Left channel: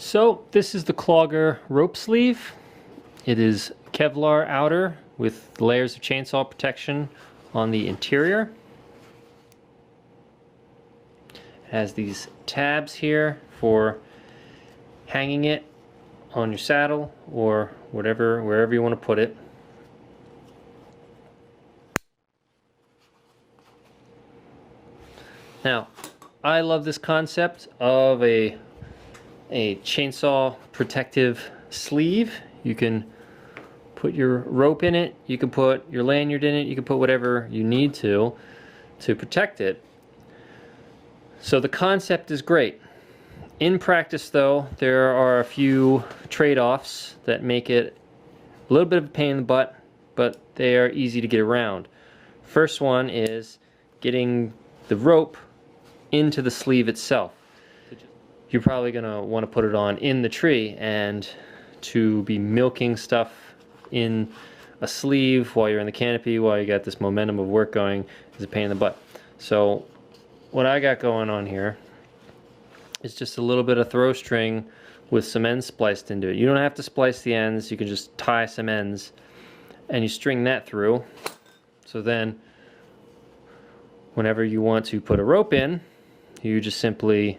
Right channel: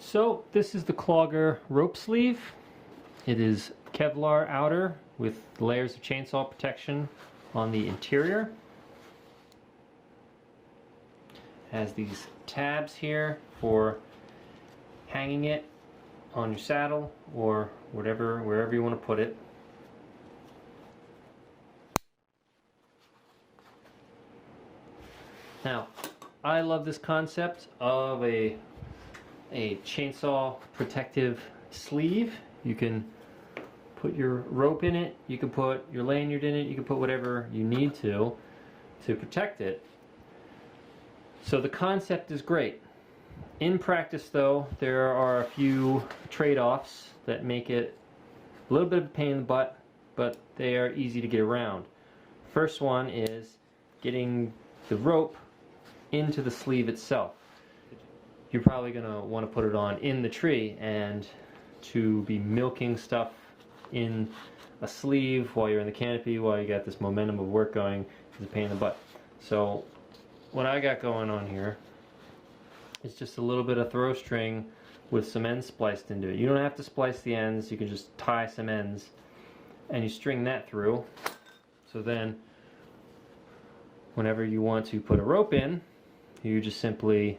So this is the Clogger rope sleeve. It is Kevlar outer with layers of chainsaw protection on the interior. It has these tabs here for hanging it on your saddle or wherever you want to put it. Now, I love this concept of a chainsaw protective sleeve. You can put your rope in it, you can put your lanyard in it, you can put whatever you need to protect it. So the concept is great. In practice though, there are a few trade-offs that make it a little bit of a pain in the butt, but they are easy to get around. First one is getting the rope into the sleeve itself. You're probably going to want to put it on in the tree, and to be milking stuff in a sleeve while you're in the canopy, while you got this momentum of work going, is a pain in the butt. So what I got going on here is just a little bit of throw string with some ends spliced into it. You don't have to splice the ends, you can just tie some ends and you string that through. So then whenever you want to put a rope in, you just simply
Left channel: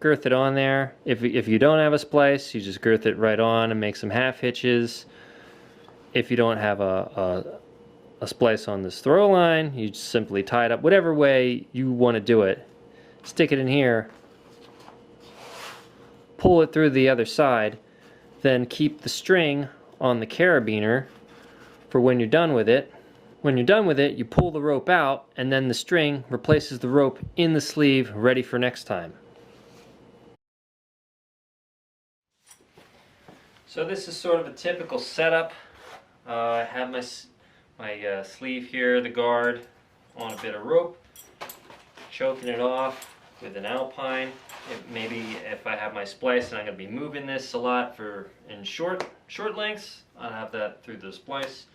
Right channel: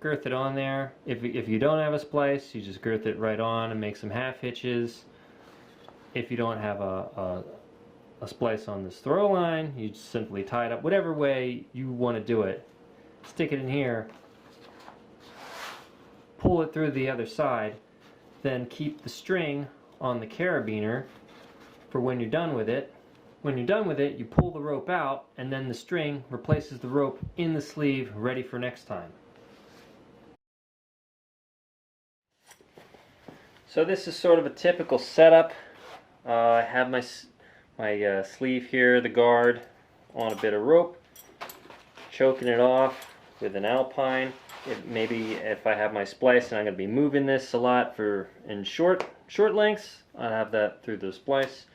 girth it on there. If you don't have a splice, you just girth it right on and make some half hitches. If you don't have a splice on this throw line, you just simply tie it up whatever way you want to do it. Stick it in here, pull it through the other side, then keep the string on the carabiner for when you're done with it. When you're done with it, you pull the rope out, and then the string replaces the rope in the sleeve, ready for next time. So this is sort of a typical setup. I have my sleeve here, the guard, on a bit of rope, choking it off with an alpine. Maybe if I have my splice and I'm going to be moving this a lot in short lengths, I'll have that through the splice.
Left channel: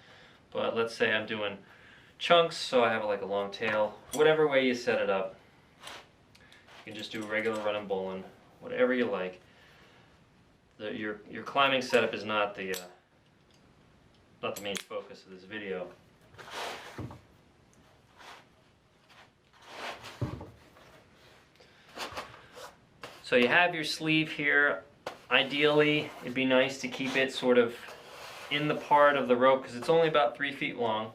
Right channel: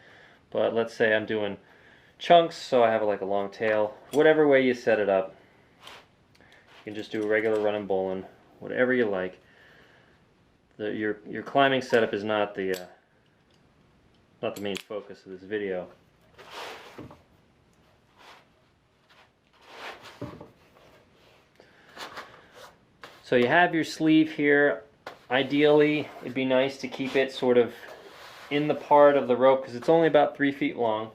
But let's say I'm doing chunks, so I have like a long tail. Whatever way you set it up, you can just do a regular running bowline, whatever you like. Your climbing setup is not the main focus of this video. So you have your sleeve here. Ideally, it'd be nice to keep it sort of in the part of the rope, because it's only about 3 feet long.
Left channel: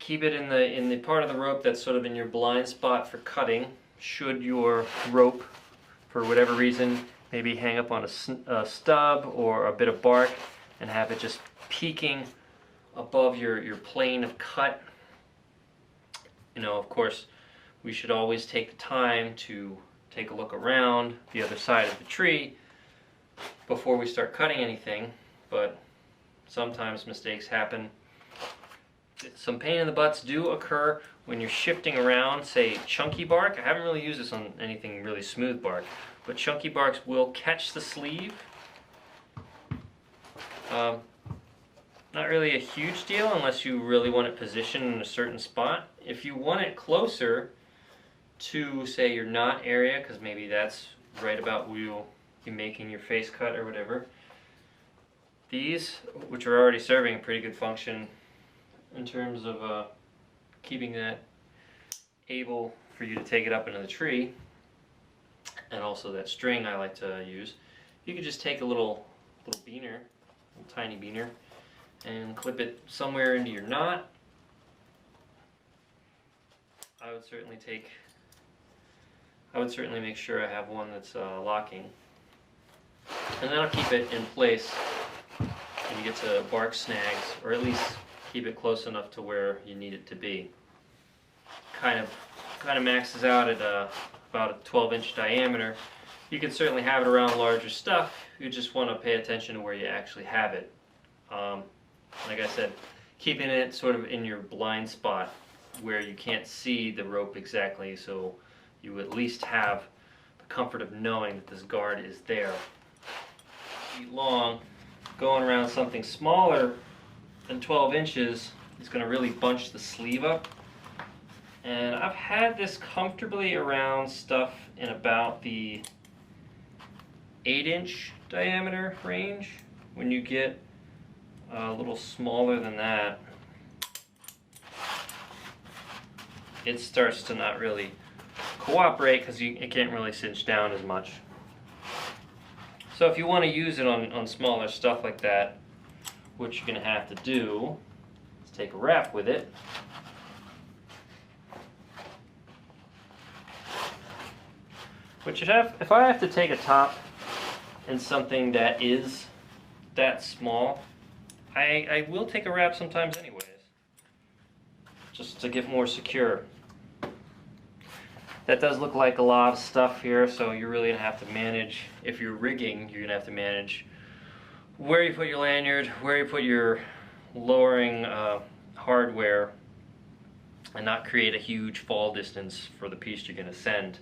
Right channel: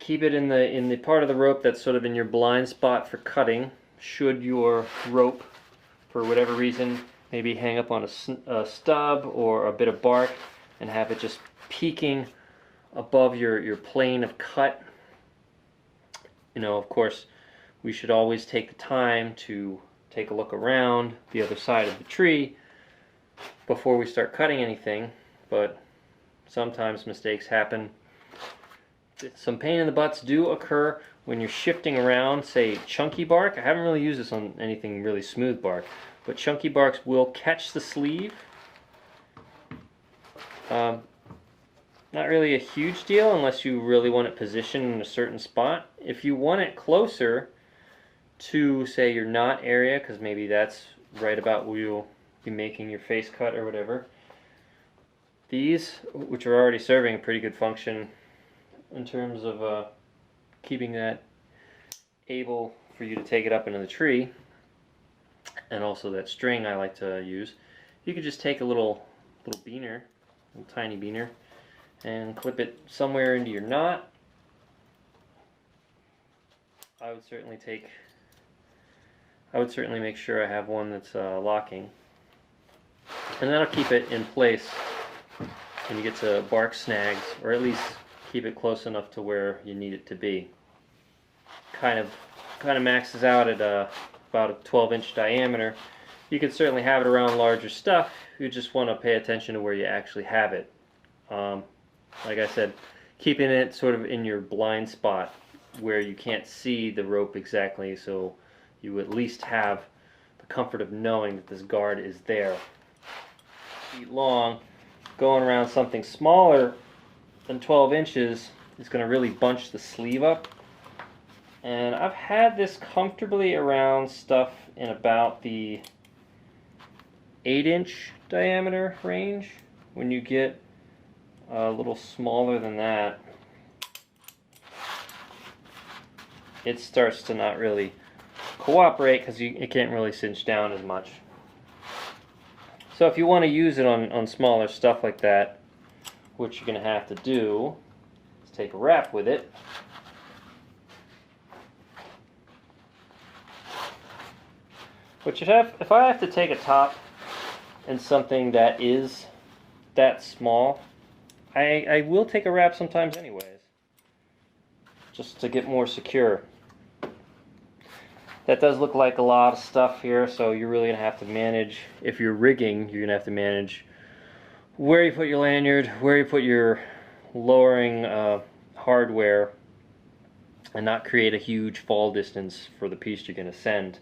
Keep it in the part of the rope that's sort of in your blind spot for cutting. Should your rope, for whatever reason, maybe hang up on a stub or a bit of bark and have it just peeking above your plane of cut. You know, of course, we should always take the time to take a look around the other side of the tree before we start cutting anything, but sometimes mistakes happen. Some pain in the butts do occur when you're shifting around, say, chunky bark. I haven't really used this on anything really smooth bark, but chunky barks will catch the sleeve. Not really a huge deal unless you really want it positioned in a certain spot. If you want it closer to, say, your knot area, because maybe that's right about where you'll be making your face cut or whatever, these, which are already serving a pretty good function in terms of keeping that able for you to take it up into the tree, and also that string I like to use, you could just take a little beaner, a little tiny beaner, and clip it somewhere into your knot. I would certainly make sure I have one that's locking, and that'll keep it in place when you get to bark snags, or at least keep it close enough to where you need it to be. Kind of maxes out at about a 12-inch diameter. You can certainly have it around larger stuff. You just want to pay attention to where you actually have it. Like I said, keeping it sort of in your blind spot where you can't see the rope exactly, so you at least have the comfort of knowing that this guard is there. Long, going around something smaller than 12 inches is going to really bunch the sleeve up. And I've had this comfortably around stuff in about the 8-inch diameter range. When you get a little smaller than that, it starts to not really cooperate because it can't really cinch down as much. So if you want to use it on smaller stuff like that, what you're going to have to do is take a wrap with it. But if I have to take a top in something that is that small, I will take a wrap sometimes anyways, just to get more secure. That does look like a lot of stuff here, so you're really going to have to manage, if you're rigging, you're going to have to manage where you put your lanyard, where you put your lowering hardware, and not create a huge fall distance for the piece you're going to send.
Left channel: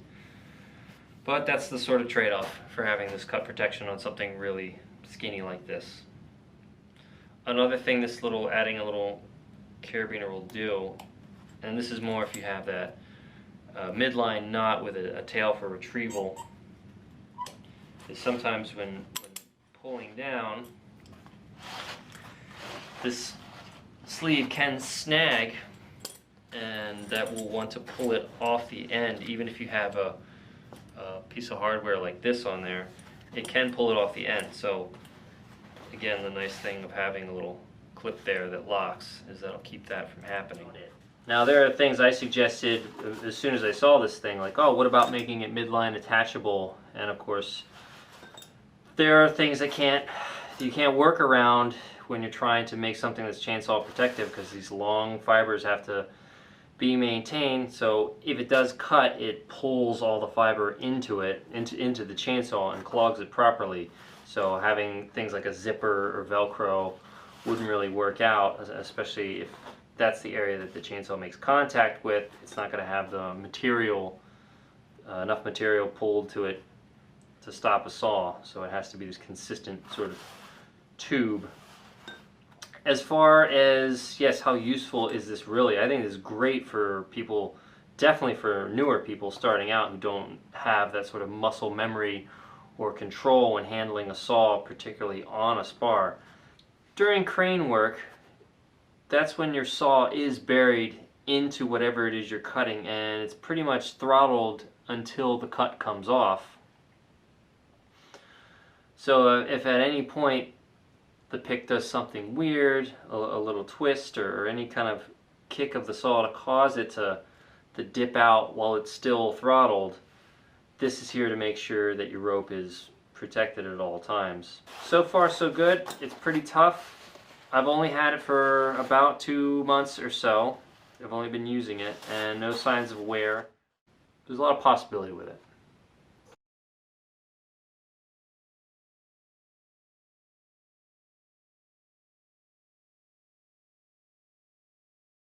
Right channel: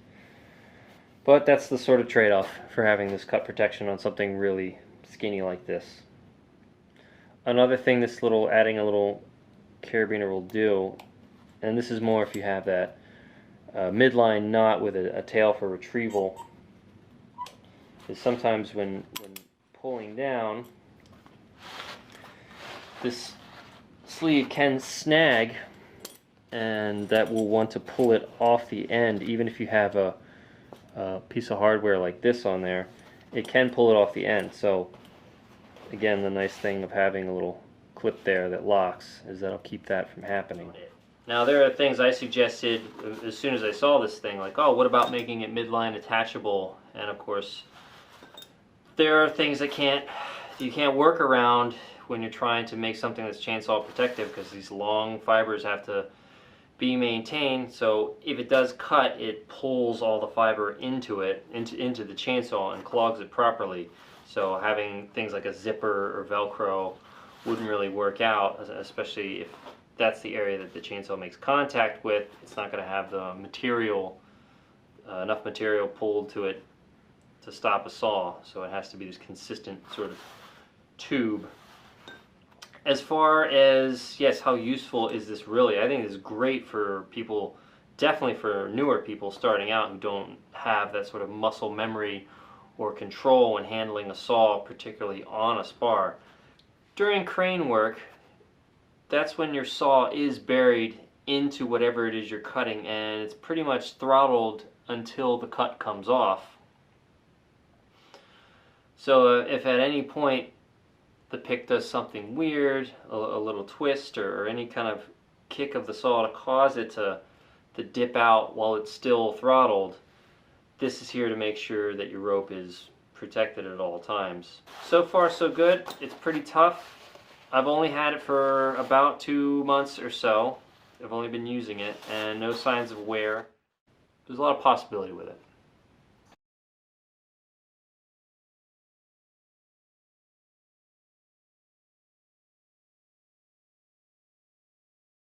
But that's the sort of trade-off for having this cut protection on something really skinny like this. Another thing this adding a little carabiner will do, and this is more if you have that midline knot with a tail for retrieval, is sometimes when pulling down, this sleeve can snag, and that will want to pull it off the end. Even if you have a piece of hardware like this on there, it can pull it off the end. So again, the nice thing of having a little clip there that locks is that'll keep that from happening. Now there are things I suggested as soon as I saw this thing, like, oh, what about making it midline attachable? And of course, there are things that you can't work around when you're trying to make something that's chainsaw protective, because these long fibers have to be maintained. So if it does cut, it pulls all the fiber into the chainsaw and clogs it properly. So having things like a zipper or Velcro wouldn't really work out, especially if that's the area that the chainsaw makes contact with. It's not going to have the material, enough material pulled to it to stop a saw. So it has to be this consistent sort of tube. As far as, yes, how useful is this really? I think this is great for people, definitely for newer people starting out who don't have that sort of muscle memory or control when handling a saw, particularly on a spar. During crane work, that's when your saw is buried into whatever it is you're cutting, and it's pretty much throttled until the cut comes off. So if at any point the pick does something weird, a little twist or any kind of kick of the saw to cause it to dip out while it's still throttled, this is here to make sure that your rope is protected at all times. So far so good. It's pretty tough. I've only had it for about 2 months or so. I've only been using it, and no signs of wear. There's a lot of possibility with it.